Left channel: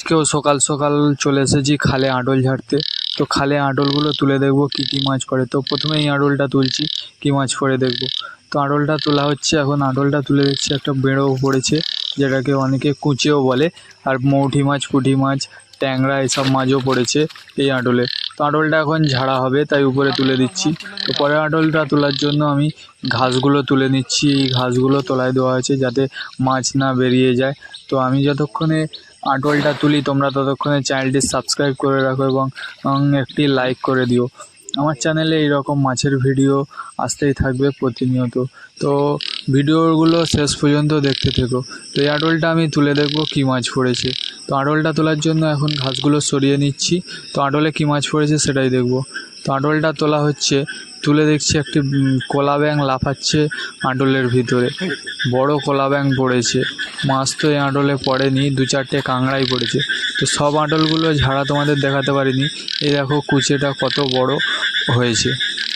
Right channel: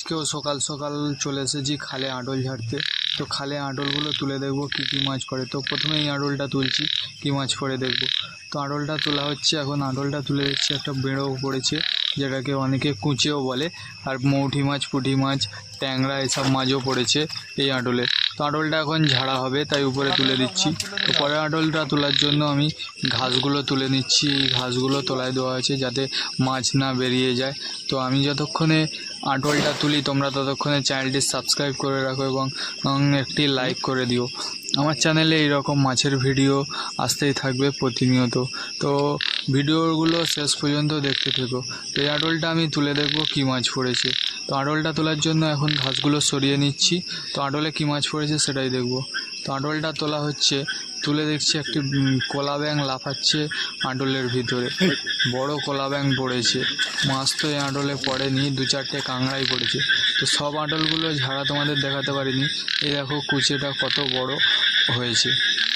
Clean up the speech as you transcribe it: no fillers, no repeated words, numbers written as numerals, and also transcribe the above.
আজকেও সকাল সকাল চলে এসেছি খালে আটল ঝাড়তে। তো খালে আটলগুলো তুলে দেখবো কী কী মাছ পড়ে। তো প্রথমে এই আটলটা তুলছি, কী মাছ পড়ে দেখবো। তো আটলটা তোলা হচ্ছে, এখন আটলটা তুলে দেখছি একটা বেড়ো পড়েছে, যেটাকে অনেকে কুঁচেও বলে। আর মৌঠি মাছ, পুঁটি মাছ, ট্যাংরা এসব মাছও পড়েছে এই আটলে। তো আটলটা এখন ঝাড়া হবে, তাই উপরে তুলে দিচ্ছি। তো পরে আটলটা তোলার জন্য আমি ঘাসগুলো তুলে নিচ্ছি। এই ঘাসগুলো তলায় দেওয়া হয়েছে যাতে মাছ না বেরিয়ে যায়। তো আমি যতক্ষণে আটলটা তুলি তোমরা ততক্ষণে চ্যানেলটি সাবস্ক্রাইব করে রাখো এবং একটি লাইক করে দিও। আমার চ্যানেলে এইরকম মাছের ভিডিও আসতেই থাকবে প্রতিনিয়ত। তো ভিডিওগুলো শেষ পর্যন্ত দেখতে থেকো। তো এই আটলটা আমি তুলে দেখবো কী মাছ পড়েছে। তো আটলটা তোলার জন্য এখন ঘাসগুলো সরিয়ে নিচ্ছি। তো আটলে কী মাছ পড়েছে সেটাই দেখব। তো আটলটা তোলা হচ্ছে, তুলে দেখছি একটি কলা ব্যাঙ লাফাচ্ছে আটলের ভিতরে। বড় কলা ব্যাঙ পড়েছে। মাছ তো এই আটলে পড়েনি, 2-4টে কাঁকড়াই পড়েছে। তো সব আটলগুলো ঝাড়া তোমাদের দেখাতে পারিনি। এই দেখো কুচেটা কত বড় হয়েছে।